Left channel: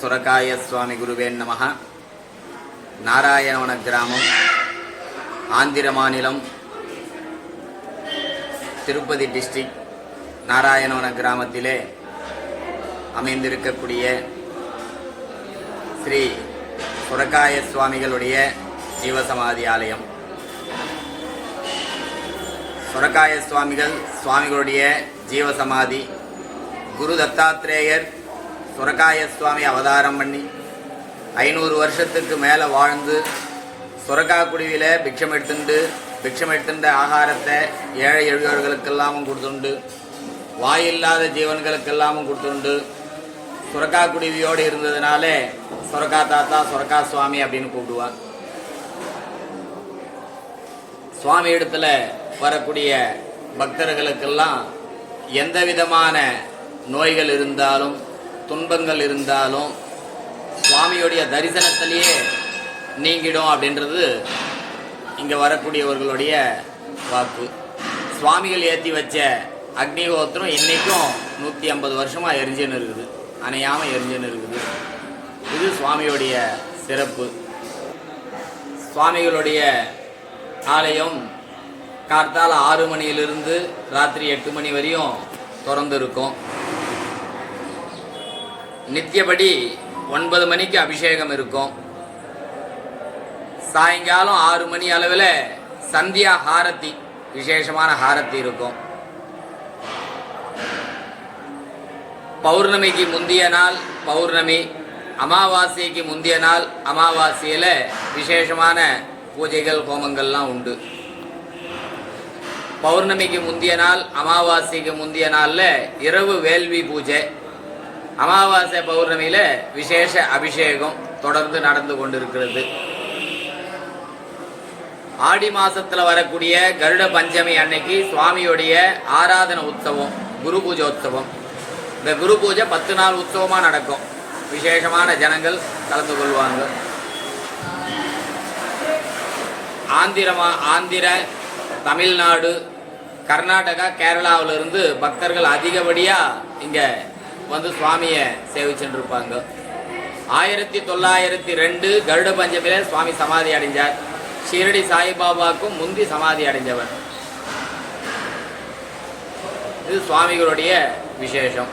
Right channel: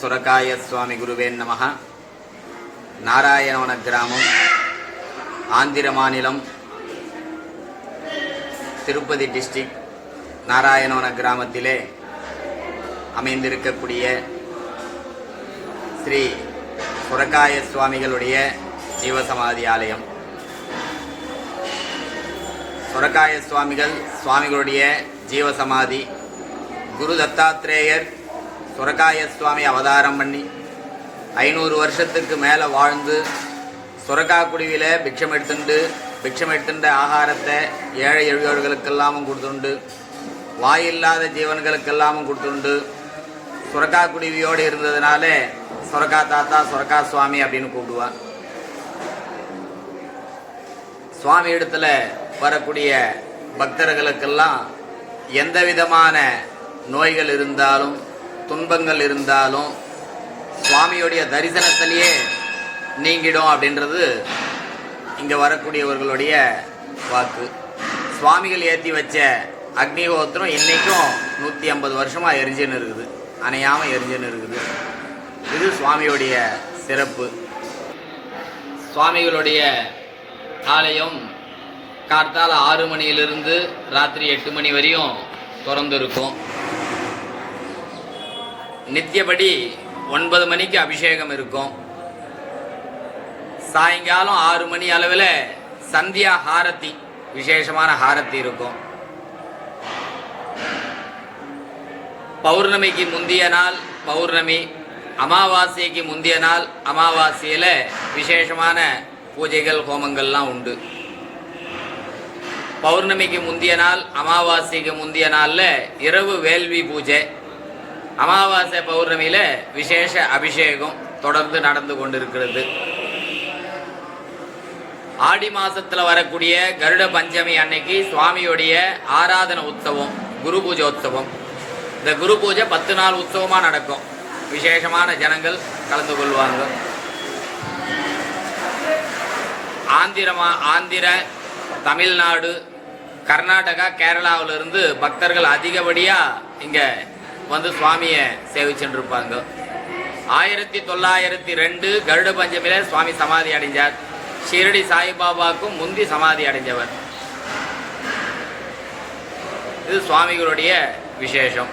சுரகாய சுவாமி குருவே நமஹ. நாராயணவன கிராமம், ஆந்திர மாநிலம், திருப்பதி டிஸ்ட்ரிக்ட் நாராயணவன கிராமத்திலே அமைந்திருக்கக்கூடிய ஸ்ரீ சுரகாய சுவாமிகளுடைய ஜீவசமாதி ஆலயம். சுரகாய சுவாமிகளுடைய ஜீவசமாதி குரு தத்தாத்ரேயர் சுரகாய சுவாமி அவதாரம் பண்ணி 500 வருஷத்துக்கு மேலே வாழ்ந்து சுரக்கா குடியில் பிக்ஷம் எடுத்துண்டு ஆகாரத்தை ஏழை எளியோர்களுக்கெல்லாமும் கொடுத்துண்டு, வாயில்லாத ஜீவன்களுக்கெல்லாமும் கொடுத்துண்டு சுரக்கா குடிவியோடு இருந்ததுனால சுரக்கா தாத்தா சுரக்கா சுவாமி அப்படின்னு கூப்பிடுவார். சுவாமி இடத்துல வரக்கூடிய பக்தர்களுக்கெல்லாம் எந்த விதமான நோய்கள் இருந்தாலும் துன்பங்கள் இருந்தாலும் சுவாமியுடைய தரிசனத்திலேயே நீங்கிடும் அப்படின்றது இங்கே வரக்கூடியவர்களுடைய வாக்கு. சுவாமிகள் ஏற்றி வச்ச அக்னிஹோத்திரம் இன்றைக்கும் 150 வருஷமாக எரிஞ்சுன்னு இருக்குது, அணையாமல் எரிஞ்சுன்னு இருக்குது. இது சுவாமியுடைய சிறப்பு. சுவாமிகளுடைய ஆலயம் கார்த்தால 6 மணியிலிருந்து ராத்திரி 8 மணி வரையும் திறந்திருக்கும். நித்தியபடி 9 மணிக்கு அபிஷேகம் இருக்கும். சாயங்காலம் 6 மணி அளவில் சந்தியா ஹாரத்தி, விசேஷமான ஹாரத்தி இருக்கும். பௌர்ணமிக்கு முந்திய நாள் பௌர்ணமி, அமாவாசைக்கு முந்திய நாள் அமாவாசையில் விசேஷமான பூஜைகள் ஹோமங்கள்லாம் உண்டு. பௌர்ணமிக்கு முந்திய நாள் அமாவாசைக்கு முந்திய நாளில் இரவு வேள்வி பூஜை, அமாவாசை பௌர்ணமியில் விசேஷ அபிஷேகம் தொடர்ந்து நடந்து கொண்டிருக்கிறது. ஆடி மாசத்தில் வரக்கூடிய கருட பஞ்சமி அன்னைக்கு சுவாமியுடைய ஆராதன உற்சவம், குரு பூஜோத்சவம். இந்த குரு பூஜை 10 நாள் உற்சவமாக நடக்கும். விசேஷமான ஜனங்கள் கலந்து கொள்வாங்க. ஆந்திர, தமிழ்நாடு, கர்நாடகா, கேரளாவிலிருந்து பக்தர்கள் அதிகப்படியாக இங்கே வந்து சுவாமியை சேவிச்சுட்டு இருப்பாங்க. 1902 கருட பஞ்சமியில் சுவாமி சமாதி அடைஞ்சார். ஷிரடி சாய்பாபாவுக்கும் முந்தி சமாதி அடைஞ்சவர். இது சுவாமிகளுடைய விசேஷம்.